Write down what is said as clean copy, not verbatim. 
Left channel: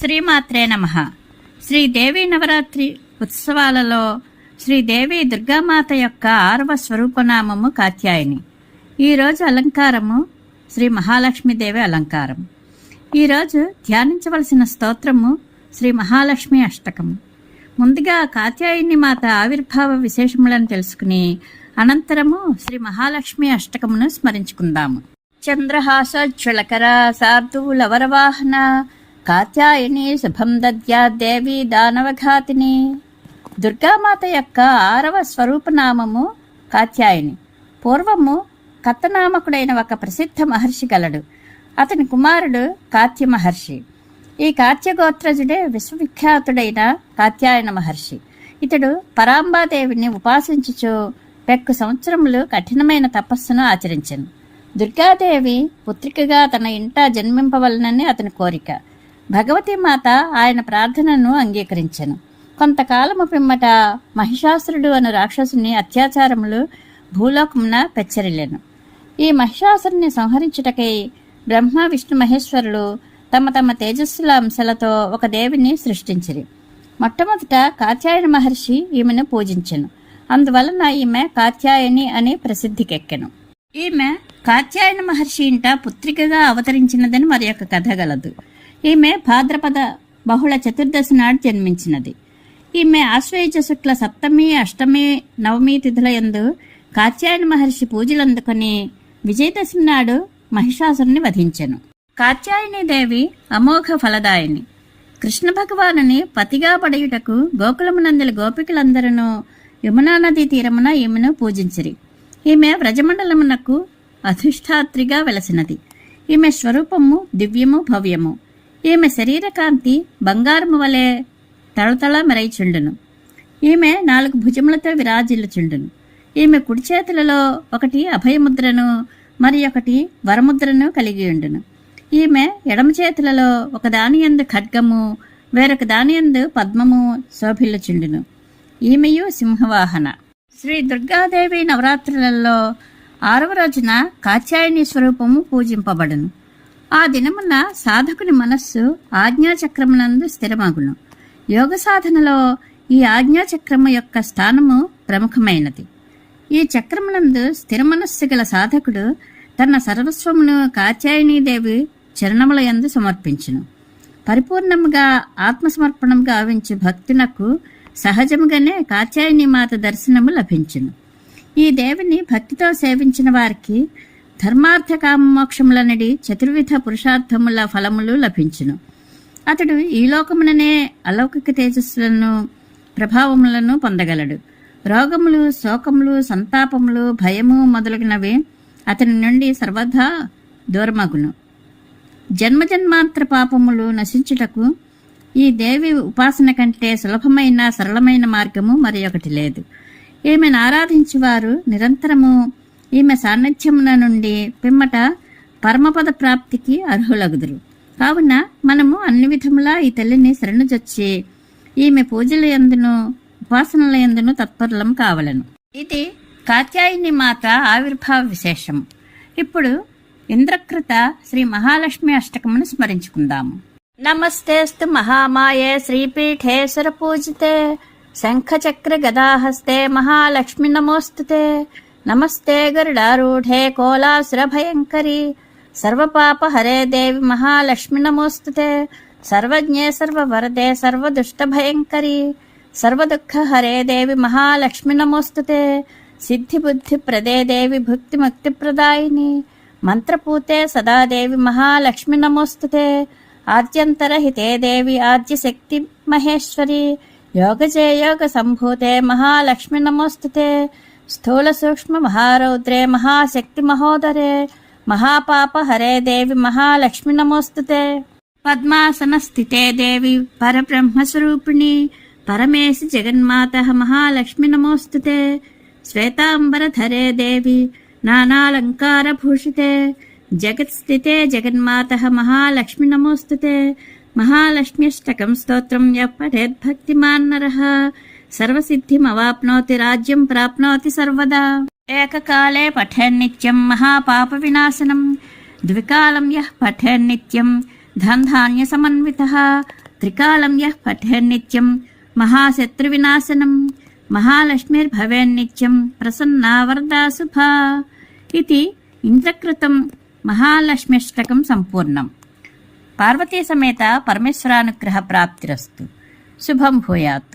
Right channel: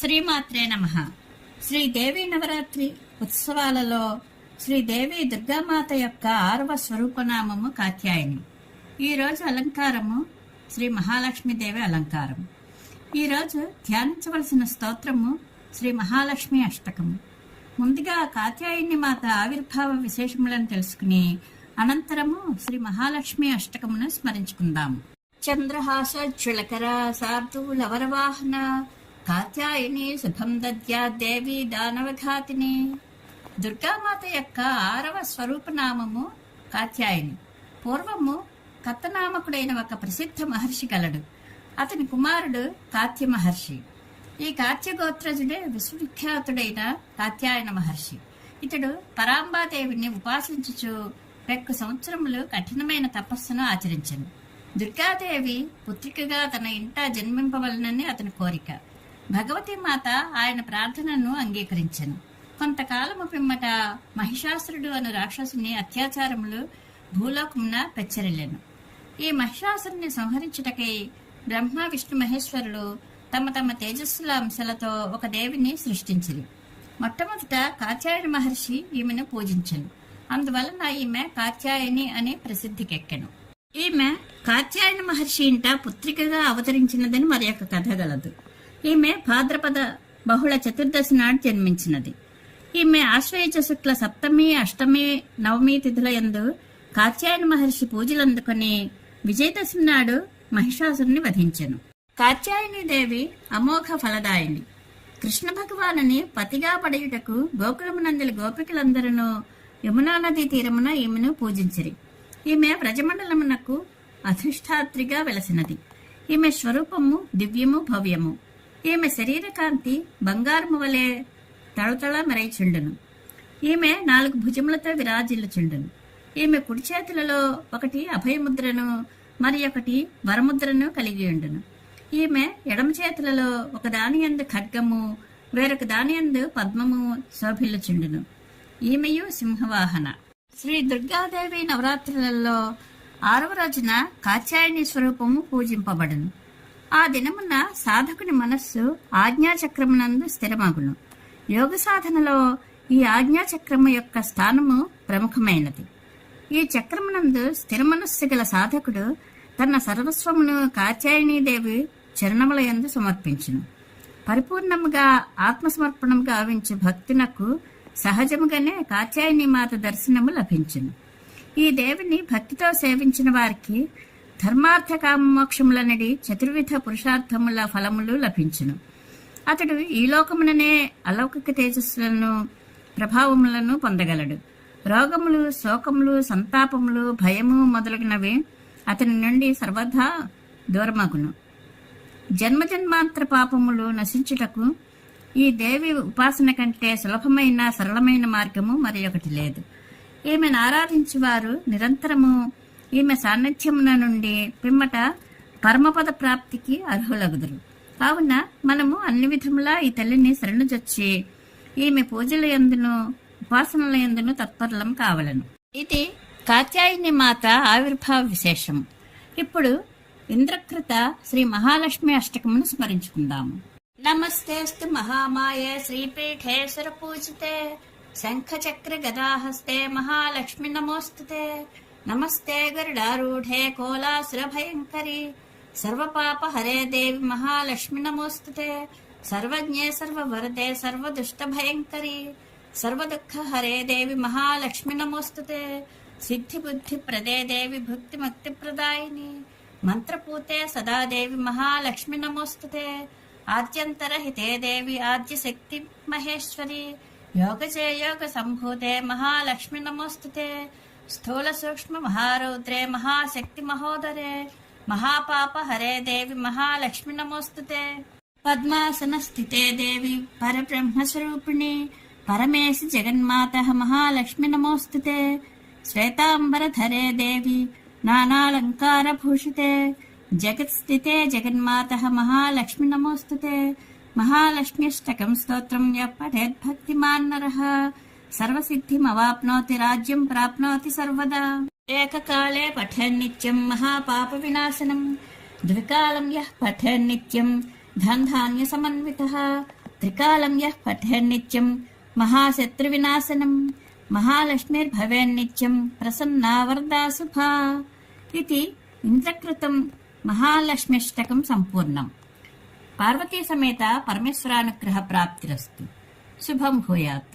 శ్రీమాత్రే నమః. శ్రీదేవి నవరాత్రి ఉత్సవాలలో శ్రీదేవి దుర్గామాత యొక్క 6వ స్వరూపనామము కాత్యాయని. ఈరోజు అలంకారము శ్రీ మహాలక్ష్మీదేవి అలంకారం. ఈరోజు ధ్యానించవలసిన స్తోత్రము శ్రీ మహాలక్ష్మి అష్టకము. ముందుగా కాత్యాయని మాత ఆవిర్భావ విశేషములను తెలుసుకుని అనంతరము శ్రీ మహాలక్ష్మి అష్టకమును స్మరించుకుందాము. చంద్రహాసోజ్వలకర శార్దూలవరవాహన కాత్యాయని శుభం దద్యా దేవి దానవఘాతిని. దుర్గామాత యొక్క 6వ స్వరూపనామము కాత్యాయని. పూర్వము కత్తనామకుడైన ఒక ప్రసిద్ధ మహర్షి గలడు. అతని కుమారుడు కాత్య మహర్షి. ఈ కాత్యగోత్రజుడే విశ్వవిఖ్యాతుడైన కాత్యాయన మహర్షి. ఇతడు పరాంబాదేవిని ఉపాసించుచు పెక్కు సంవత్సరములు కఠినమైన తపస్సును ఆచరించెను. దుర్గాదేవి పుత్రికగా తన ఇంట జన్మింపవలనని అతని కోరిక. భగవతి మాత ఆయన ప్రార్థనను అంగీకరించెను. కొంతకాలము పిమ్మట మహిషాసురుడు అను రాక్షసుని అత్యాచారములు భూలోకమున పెచ్చరిల్లెను. ఈ మహిషాసురుని సంహరించుటకై బ్రహ్మ విష్ణు మహేశ్వరులు తమ తమ తేజస్సుల అంశలతో ఒక దేవిని సృష్టించిరి. మొట్టమొదట కాత్యాయన మహర్షి ఈమెను పూజించెను. అందువలన ఈమె కాత్యాయని అని ప్రసిద్ధికెక్కెను. ఈమె కాత్యాయన మహర్షి ఇంట పుత్రికగా అవతరించినదని మరి ఒక కథ గలదు. ఈమె భాద్రపద బహుళ చతుర్దశి నాడు జన్మించినది. ఈమె ఆశ్వయుజ శుక్ల సప్తమి, అష్టమి, నవమి తిథుల యందు కాత్యాయన మహర్షి పూజలందుకొని విజయదశమి నాడు మహిషాసురుని వధించెను. కాత్యాయని దేవి అమోఘ ఫలదాయిని. కృష్ణ భగవానుని పతిగా పడయుటకు గోకులమునందలి గోపికలందరూ యమునా నదీ తీరమున ఈమెను పూజించిరి. ఈమె వ్రజమండలమునకు అధిష్టాత్రిగా వెలసినది. ఈమె స్వరూపము దివ్యము భవ్యము. ఈమె శరీరకాంతి బంగారము వలె తళతళ మెరయిచుండును. ఈమె 4 భుజములతో విరాజిల్లుచుండును. ఈమె కుడి చేతులలో ఒకటి అభయముద్రను మరి ఒకటి వరముద్రను కలిగి ఉండును. ఈమె ఎడమ చేతులలో ఒక దానియందు ఖడ్గము వేరొక దానియందు పద్మము శోభిల్లుచుండును. ఈమెయు సింహవాహన. శ్రీ దుర్గాదేవి నవరాత్రులలో 6వ రోజున కాత్యాయని స్వరూపము పూజింపబడును. ఆ దినమున సాధకుని మనస్సు ఆజ్ఞాచక్రమునందు స్థిరమగును. యోగ సాధనలో ఈ ఆజ్ఞాచక్రము యొక్క స్థానము ప్రముఖమైనది. ఈ చక్రమునందు స్థిర మనస్సు గల సాధకుడు తన సర్వస్వమును కాత్యాయనీదేవి చరణముల యందు సమర్పించును. పరిపూర్ణముగా ఆత్మసమర్పణము గావించు భక్తునకు సహజముగానే కాత్యాయని మాత దర్శనము లభించును. ఈ దేవిని భక్తితో సేవించిన వారికి ధర్మార్థ కామమోక్షములనడి చతుర్విధ పురుషార్థముల ఫలములు లభించును. అతడు ఈ లోకముననే అలౌకిక తేజస్సులను ప్రభావములను పొందగలడు. రోగములు, శోకములు, సంతాపములు, భయము మొదలగునవి అతని నుండి సర్వదా దూరమగును. జన్మజన్మాంతర పాపములు నశించుటకు ఈ దేవి ఉపాసన కంటే సులభమైన సరళమైన మార్గము మరి ఒకటి లేదు. ఈమెను ఆరాధించువారు నిరంతరము ఈమె సాన్నిధ్యమున నుండి పిమ్మట పరమపద ప్రాప్తికి అర్హులగుదురు. కావున మనము అన్ని విధములా ఈ తల్లిని శరణుజొచ్చి ఈమె పూజల యందును ఉపాసనల యందును తత్పరులం కావలను. ఇది కాత్యాయని మాత ఆవిర్భావ విశేషం. ఇప్పుడు ఇంద్రకృత శ్రీ మహాలక్ష్మి అష్టకమును స్మరించుకుందాము. నమస్తేస్తు మహామాయే శ్రీపీఠే సురపూజితే శంఖచక్ర గదాహస్తే మహాలక్ష్మి నమోస్తుతే. నమస్తే గరుడారూఢే కోలాసుర భయంకరి సర్వపాప హరే దేవి మహాలక్ష్మి నమోస్తుతే. సర్వజ్ఞే సర్వవరదే సర్వదుష్ట భయంకరి సర్వదుఃఖ హరే దేవి మహాలక్ష్మి నమోస్తుతే. సిద్ధి బుద్ధి ప్రదే దేవి భుక్తి ముక్తి ప్రదాయిని మంత్రపూతే సదా దేవి మహాలక్ష్మి నమోస్తుతే. ఆద్యంతరహితే దేవి ఆద్యశక్తి మహేశ్వరి యోగజే యోగ సంభూతే మహాలక్ష్మి నమోస్తుతే. స్థూల సూక్ష్మ మహారౌద్రే మహాశక్తి మహోదరే మహాపాప హరే దేవి మహాలక్ష్మి నమోస్తుతే. పద్మాసన స్థితే దేవి పరబ్రహ్మస్వరూపిణి పరమేశి జగన్మాత మహాలక్ష్మి నమోస్తుతే. శ్వేతాంబరధరే దేవి నానాలంకార భూషితే జగత్స్థితే జగన్మాత మహాలక్ష్మి నమోస్తుతే. మహాలక్ష్మ్యష్టకం స్తోత్రం యః పఠేద్భక్తిమాన్ నరః సర్వసిద్ధిమవాప్నోతి రాజ్యం ప్రాప్నోతి సర్వదా. ఏకకాలే పఠేన్నిత్యం మహాపాప వినాశనం ద్వికాలం యః పఠేన్నిత్యం ధన్ధాన్య సమన్వితః త్రికాలం యః పఠేన్నిత్యం మహాశత్రువినాశనం మహాలక్ష్మిర్భవేన్నిత్యం ప్రసన్నా వరదా శుభా ఇది ఇంద్రకృతం మహాలక్ష్మ్యష్టకం సంపూర్ణం. పార్వతీ సమేత పరమేశ్వరానుగ్రహ ప్రాప్తిరస్తు. శుభం భూయాత్.